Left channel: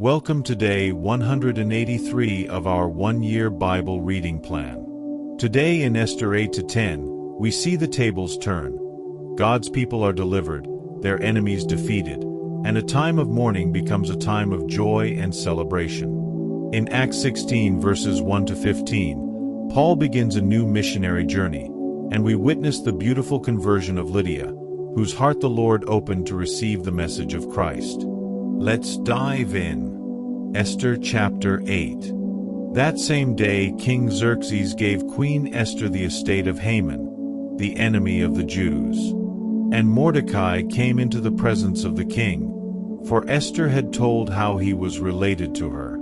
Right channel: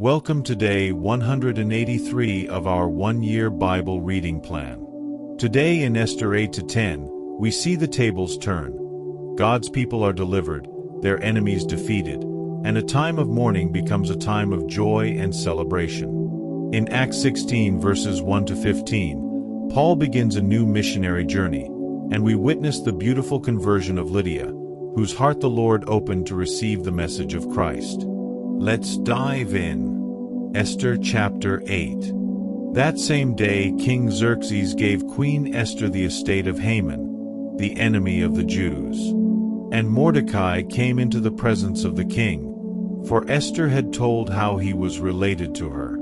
Welcome to day 183 of our one-year Bible reading plan. Today in Esther 8-10, we see the tables turn. God's people are delivered, their enemies defeated, and a time of mourning becomes a time of joy and celebration. In Acts 16 verses 1-15, Paul begins a new missionary journey, and we witness the beautiful conversion of Lydia, whose heart the Lord opened to receive the message of Christ. Let's dive in. Esther chapter 8. That same day King Xerxes gave Queen Esther the estate of Haman, the enemy of the Jews. And Mordecai came into the presence of the king, for Esther had told how he was related to her.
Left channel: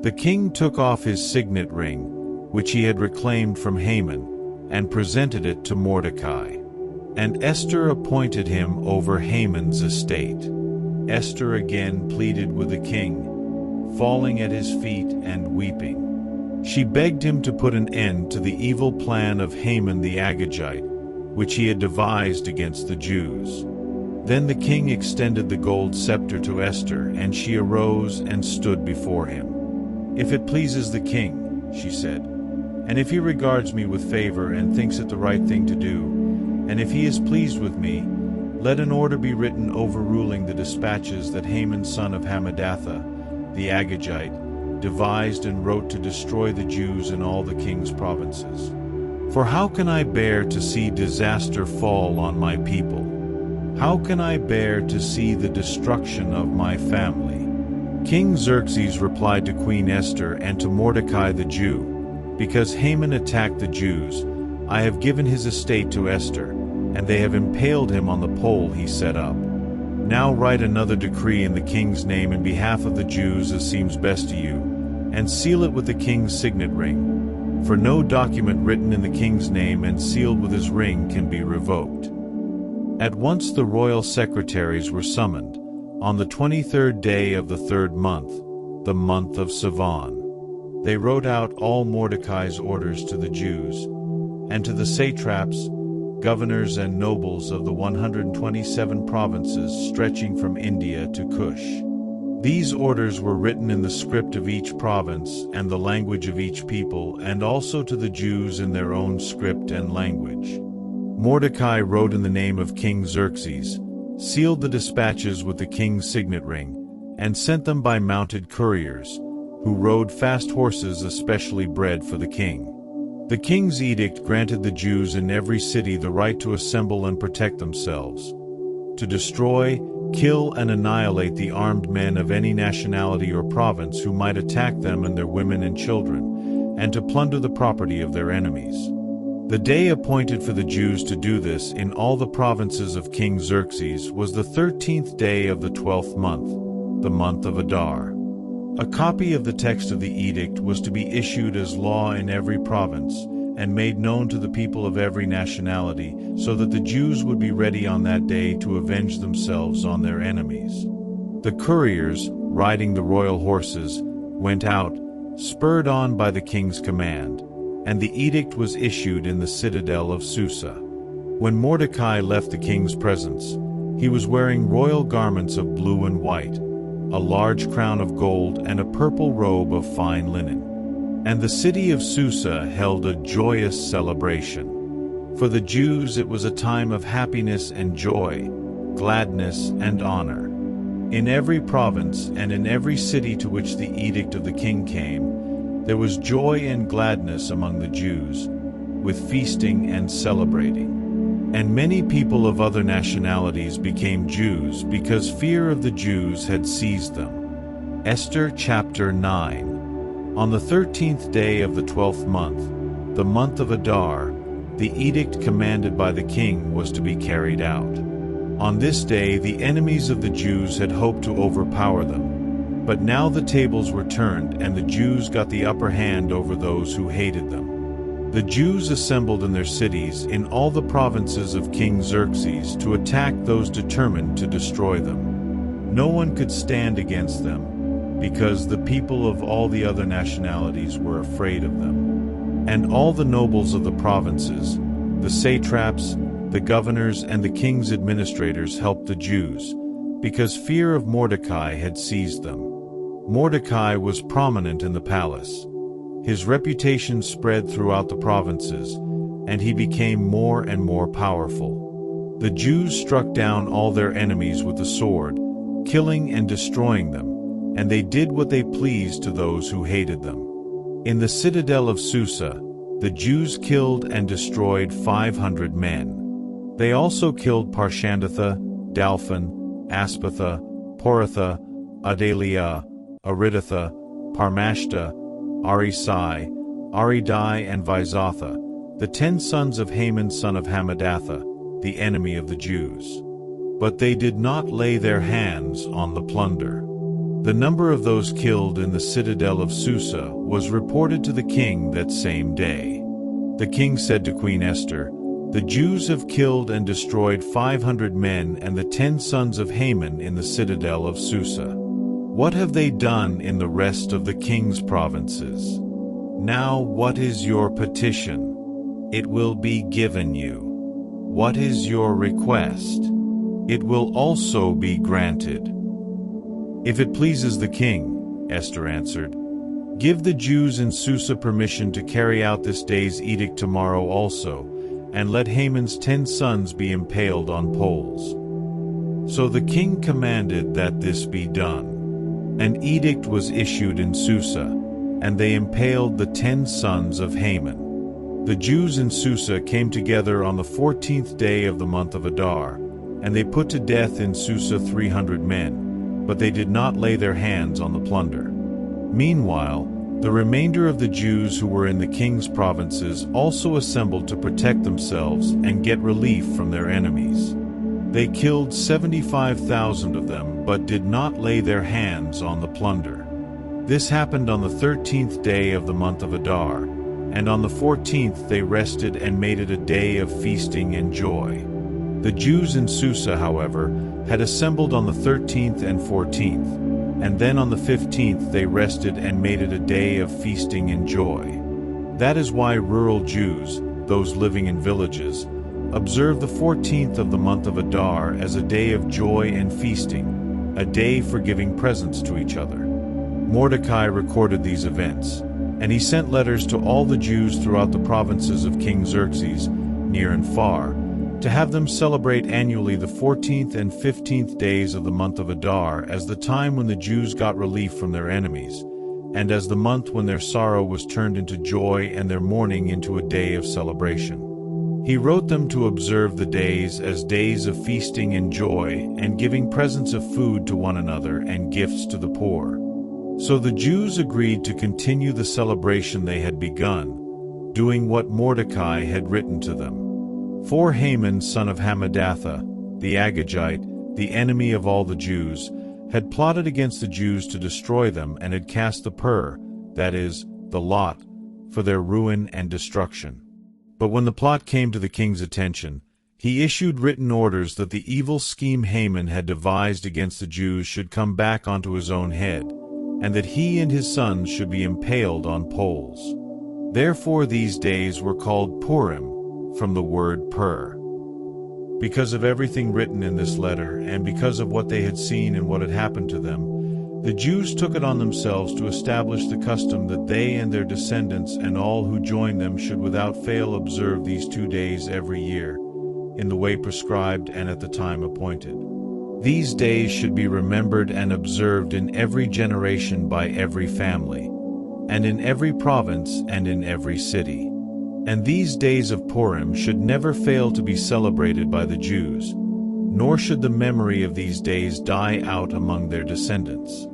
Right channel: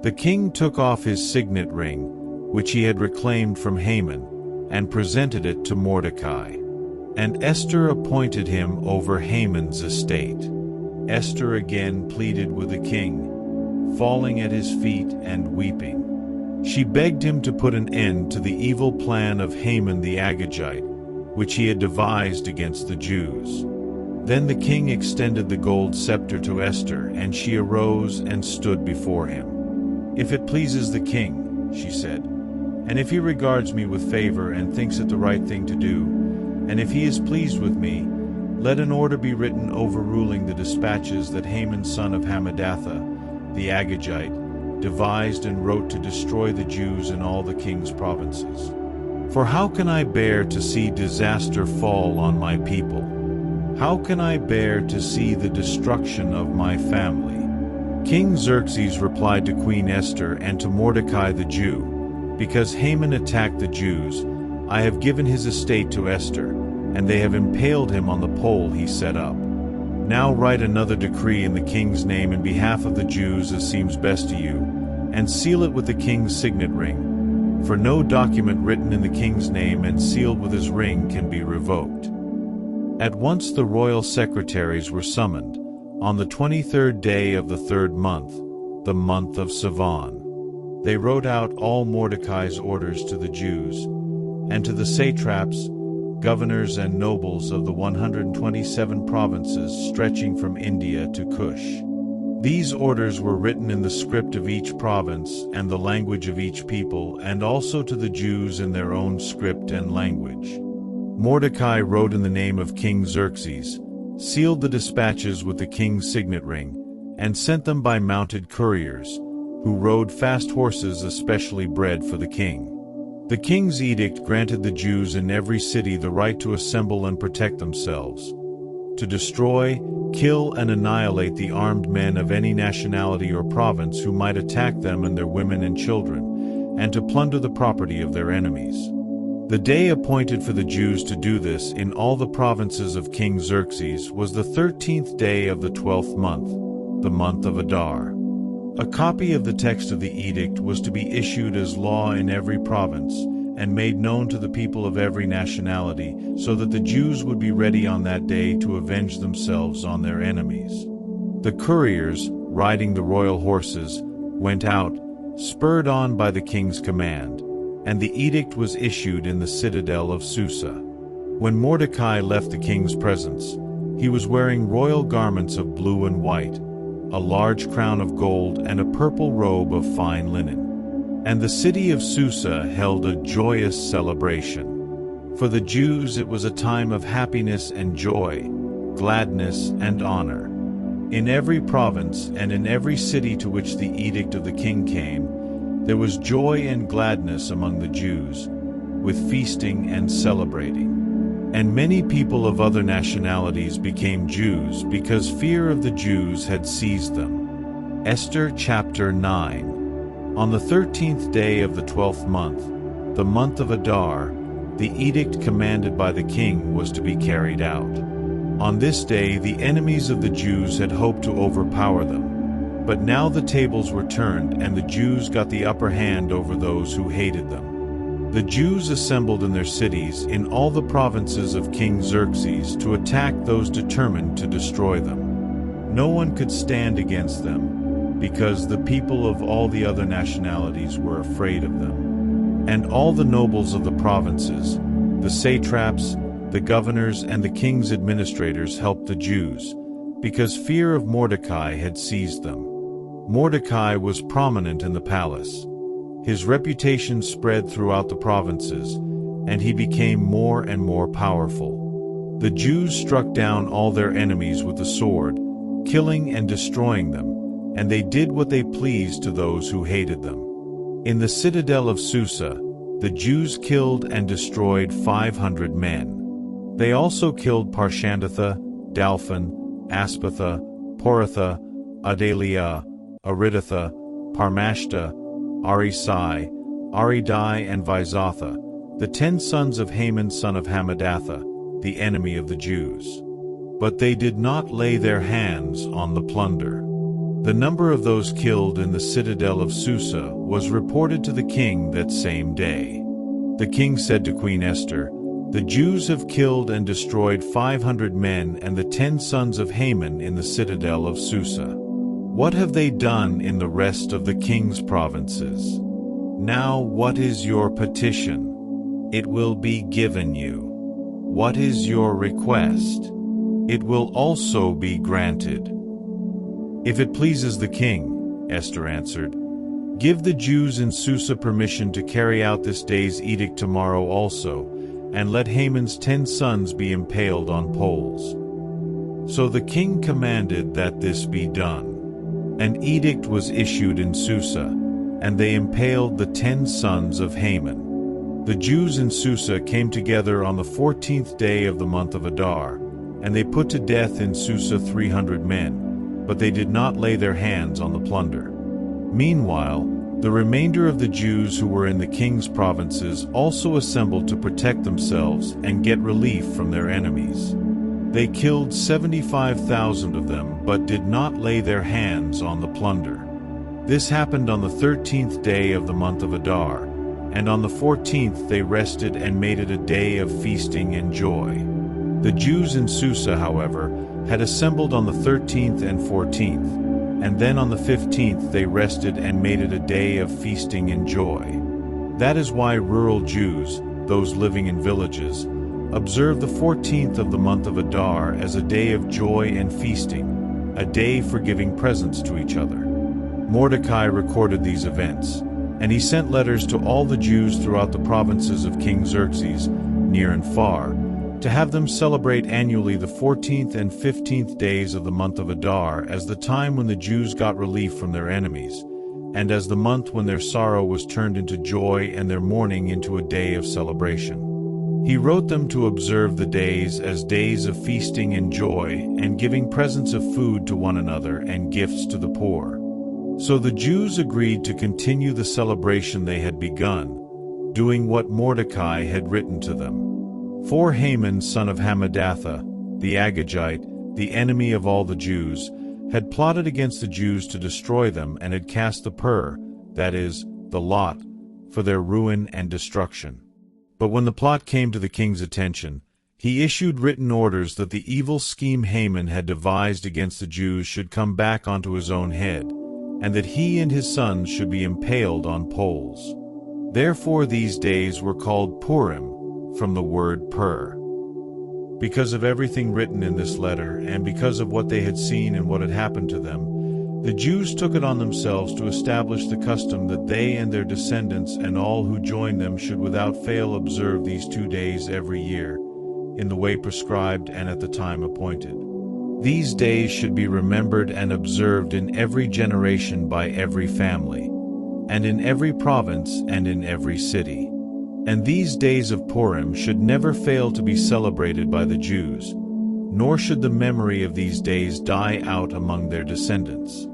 The king took off his signet ring, which he had reclaimed from Haman, and presented it to Mordecai. And Esther appointed him over Haman's estate. Esther again pleaded with the king, falling at his feet and weeping. She begged him to put an end to the evil plan of Haman the Agagite, which he had devised against the Jews. Then the king extended the gold scepter to Esther, and she arose and stood before him. "If it pleases the king," she said, "and if he regards me with favor and thinks it the right thing to do, and if he is pleased with me, let an order be written overruling the dispatches that Haman son of Hammedatha, the Agagite, devised and wrote to destroy the Jews in all the king's provinces. For how can I bear to see disaster fall on my people? How can I bear to see the destruction of my family?" King Xerxes replied to Queen Esther and to Mordecai the Jew, "Because Haman attacked the Jews, I have given his estate to Esther, and they have impaled him on the pole he set up. Now write another decree in the king's name in behalf of the Jews as seems best to you, and seal it with the king's signet ring. For no document written in the king's name and sealed with his ring can be revoked." At once the royal secretaries were summoned, on the 23rd day of the 3rd month, the month of Sivan. They wrote out all Mordecai's orders to the Jews, and to the satraps, governors and nobles of the 127 provinces stretching from India to Cush. These orders were written in the script of each province and the language of each people, and also to the Jews in their own script and language. Mordecai wrote in the name of King Xerxes, sealed the dispatches with the king's signet ring, and sent them by mounted couriers, who rode fast horses especially bred for the king. The king's edict granted the Jews in every city the right to assemble and protect themselves, to destroy, kill, and annihilate the armed men of any nationality or province who might attack them and their women and children, and to plunder the property of their enemies. The day appointed for the Jews to do this in all the provinces of King Xerxes was the 13th day of the 12th month, the month of Adar. A copy of the text of the edict was to be issued as law in every province, and made known to the people of every nationality, so that the Jews would be ready on that day to avenge themselves on their enemies. The couriers, riding the royal horses, went out, spurred on by the king's command, and the edict was issued in the citadel of Susa. When Mordecai left the king's presence, he was wearing royal garments of blue and white, a large crown of gold and a purple robe of fine linen. And the city of Susa held a joyous celebration. For the Jews it was a time of happiness and joy, gladness and honor. In every province and in every city to which the edict of the king came, there was joy and gladness among the Jews, with feasting and celebrating. And many people of other nationalities became Jews because fear of the Jews had seized them. Esther chapter 9. On the 13th day of the 12th month, the month of Adar, the edict commanded by the king was to be carried out. On this day the enemies of the Jews had hoped to overpower them. But now the tables were turned, and the Jews got the upper hand over those who hated them. The Jews assembled in their cities in all the provinces of King Xerxes to attack those determined to destroy them. No one could stand against them, because the people of all the other nationalities were afraid of them. And all the nobles of the provinces, the satraps, the governors, and the king's administrators helped the Jews, because fear of Mordecai had seized them. Mordecai was prominent in the palace. His reputation spread throughout the provinces, and he became more and more powerful. The Jews struck down all their enemies with the sword, killing and destroying them, and they did what they pleased to those who hated them. In the citadel of Susa, the Jews killed and destroyed 500 men. They also killed Parshandatha, Dalphon, Aspatha, Poratha, Adalia, Aridatha, Parmashta, Arisai, Aridai, and Vizatha, the 10 sons of Haman son of Hammedatha, the enemy of the Jews. But they did not lay their hands on the plunder. The number of those killed in the citadel of Susa was reported to the king that same day. The king said to Queen Esther, "The Jews have killed and destroyed 500 men and the 10 sons of Haman in the citadel of Susa. What have they done in the rest of the king's provinces? Now what is your petition? It will be given you. What is your request? It will also be granted." "If it pleases the king," Esther answered, "give the Jews in Susa permission to carry out this day's edict tomorrow also, and let Haman's 10 sons be impaled on poles." So the king commanded that this be done. An edict was issued in Susa, and they impaled the 10 sons of Haman. The Jews in Susa came together on the 14th day of the month of Adar, and they put to death in Susa 300 men, but they did not lay their hands on the plunder. Meanwhile, the remainder of the Jews who were in the king's provinces also assembled to protect themselves and get relief from their enemies. They killed 75,000 of them, but did not lay their hands on the plunder. This happened on the 13th day of the month of Adar, and on the 14th they rested and made it a day of feasting and joy. The Jews in Susa, however, had assembled on the 13th and 14th, and then on the 15th they rested and made it a day of feasting and joy. That is why rural Jews, those living in villages, observe the 14th of the month of Adar as a day of joy and feasting, a day for giving presents to each other. Mordecai recorded these events, and he sent letters to all the Jews throughout the provinces of King Xerxes, near and far, to have them celebrate annually the 14th and 15th days of the month of Adar as the time when the Jews got relief from their enemies, and as the month when their sorrow was turned into joy and their mourning into a day of celebration. He wrote them to observe the days as days of feasting and joy, and giving presents of food to one another and gifts to the poor. So the Jews agreed to continue the celebration they had begun, doing what Mordecai had written to them. For Haman son of Hammedatha, the Agagite, the enemy of all the Jews, had plotted against the Jews to destroy them and had cast the pur, that is, the lot, for their ruin and destruction. But when the plot came to the king's attention, he issued written orders that the evil scheme Haman had devised against the Jews should come back onto his own head, and that he and his sons should be impaled on poles. Therefore these days were called Purim, from the word pur. Because of everything written in this letter, and because of what they had seen and what had happened to them, the Jews took it on themselves to establish the custom that they and their descendants and all who join them should without fail observe these 2 days every year, in the way prescribed and at the time appointed. These days should be remembered and observed in every generation by every family, and in every province and in every city. And these days of Purim should never fail to be celebrated by the Jews, nor should the memory of these days die out among their descendants.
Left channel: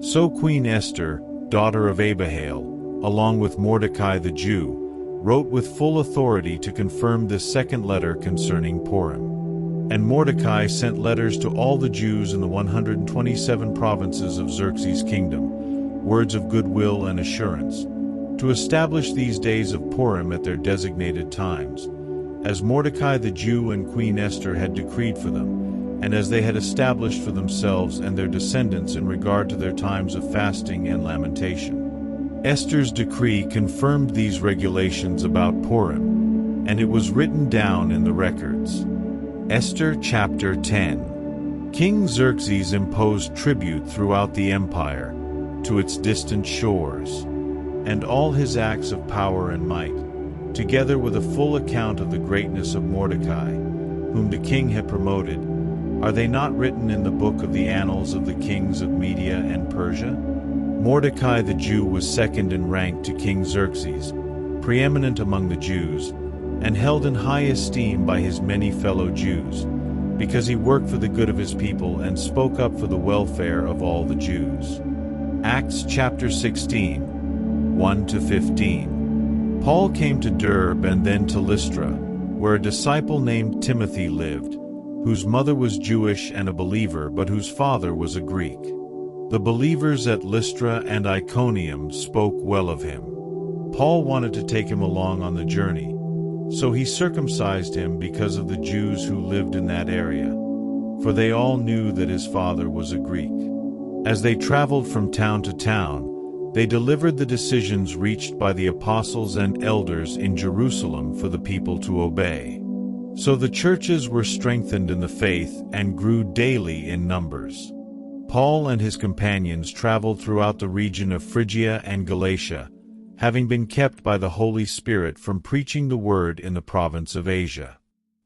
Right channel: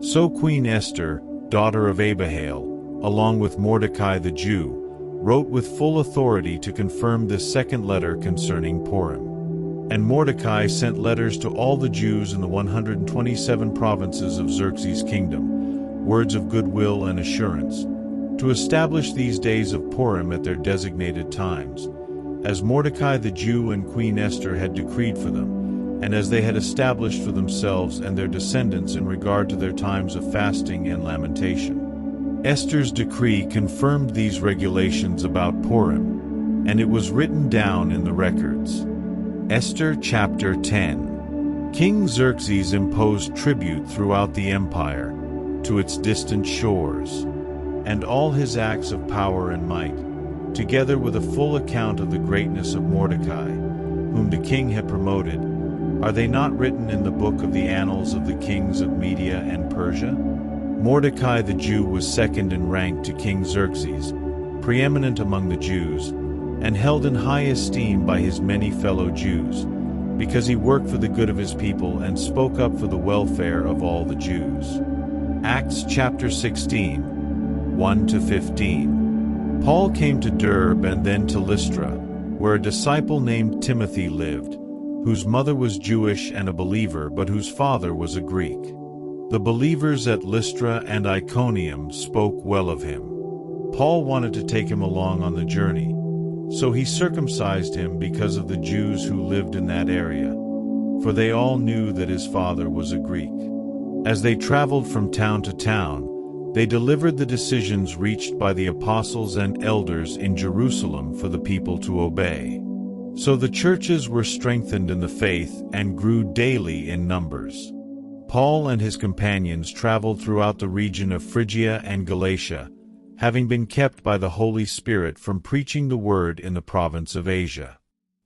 So Queen Esther, daughter of Abihail, along with Mordecai the Jew, wrote with full authority to confirm this second letter concerning Purim. And Mordecai sent letters to all the Jews in the 127 provinces of Xerxes' kingdom, words of goodwill and assurance, to establish these days of Purim at their designated times, as Mordecai the Jew and Queen Esther had decreed for them, and as they had established for themselves and their descendants in regard to their times of fasting and lamentation. Esther's decree confirmed these regulations about Purim, and it was written down in the records. Esther chapter 10. King Xerxes imposed tribute throughout the empire, to its distant shores. And all his acts of power and might, together with a full account of the greatness of Mordecai, whom the king had promoted, are they not written in the book of the annals of the kings of Media and Persia? Mordecai the Jew was second in rank to King Xerxes, preeminent among the Jews, and held in high esteem by his many fellow Jews, because he worked for the good of his people and spoke up for the welfare of all the Jews. Acts chapter 16, 1-15. Paul came to Derbe and then to Lystra, where a disciple named Timothy lived, whose mother was Jewish and a believer but whose father was a Greek. The believers at Lystra and Iconium spoke well of him. Paul wanted to take him along on the journey, so he circumcised him because of the Jews who lived in that area, for they all knew that his father was a Greek. As they traveled from town to town, they delivered the decisions reached by the apostles and elders in Jerusalem for the people to obey. So the churches were strengthened in the faith and grew daily in numbers. Paul and his companions traveled throughout the region of Phrygia and Galatia, having been kept by the Holy Spirit from preaching the word in the province of Asia.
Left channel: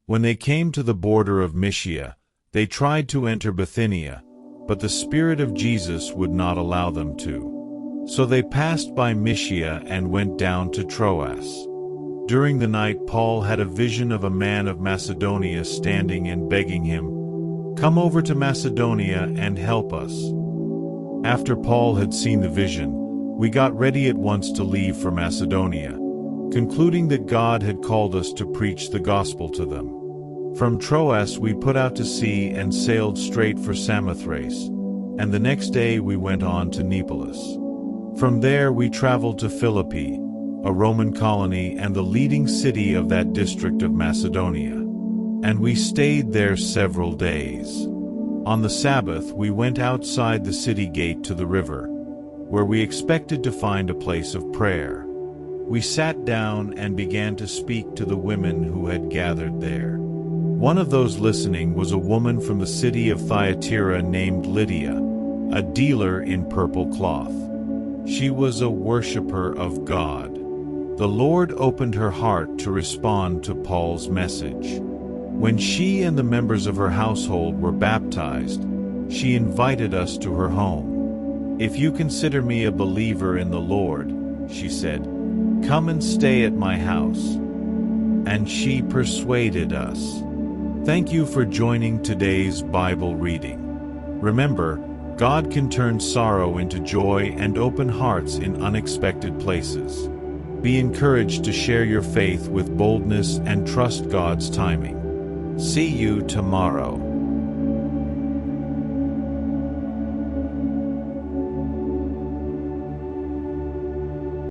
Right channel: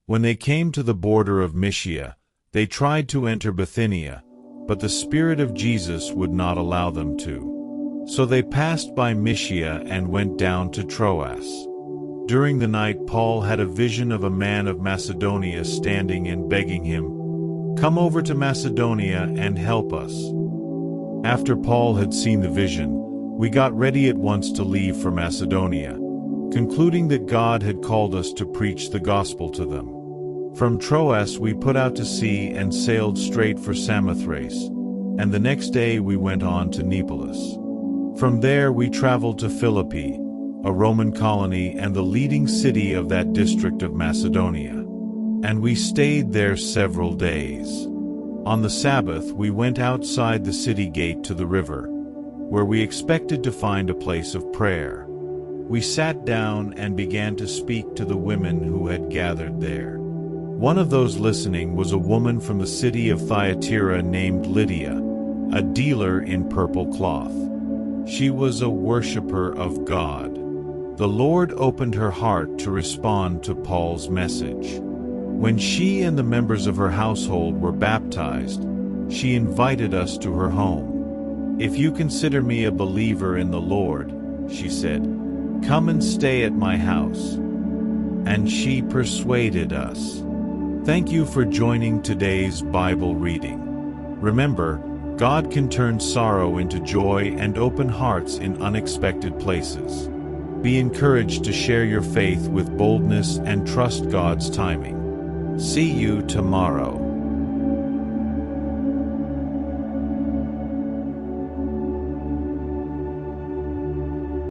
When they came to the border of Mysia, they tried to enter Bithynia, but the Spirit of Jesus would not allow them to. So they passed by Mysia and went down to Troas. During the night Paul had a vision of a man of Macedonia standing and begging him, "Come over to Macedonia and help us." After Paul had seen the vision, we got ready at once to leave for Macedonia, concluding that God had called us to preach the gospel to them. From Troas we put out to sea and sailed straight for Samothrace, and the next day we went on to Neapolis. From there we traveled to Philippi, a Roman colony and the leading city of that district of Macedonia. And we stayed there several days. On the Sabbath we went outside the city gate to the river, where we expected to find a place of prayer. We sat down and began to speak to the women who had gathered there. One of those listening was a woman from the city of Thyatira named Lydia, a dealer in purple cloth. She was a worshiper of God. The Lord opened her heart to respond to Paul's message. When she and the members of her household were baptized, she invited us to her home. "If you consider me a believer in the Lord," she said, "come and stay at my house." And she persuaded us. Thank you for joining today's Bible reading. Remember, God can turn sorrow into joy and open hearts in unexpected places. Be encouraged to share your faith with boldness and trust God's timing. See you tomorrow.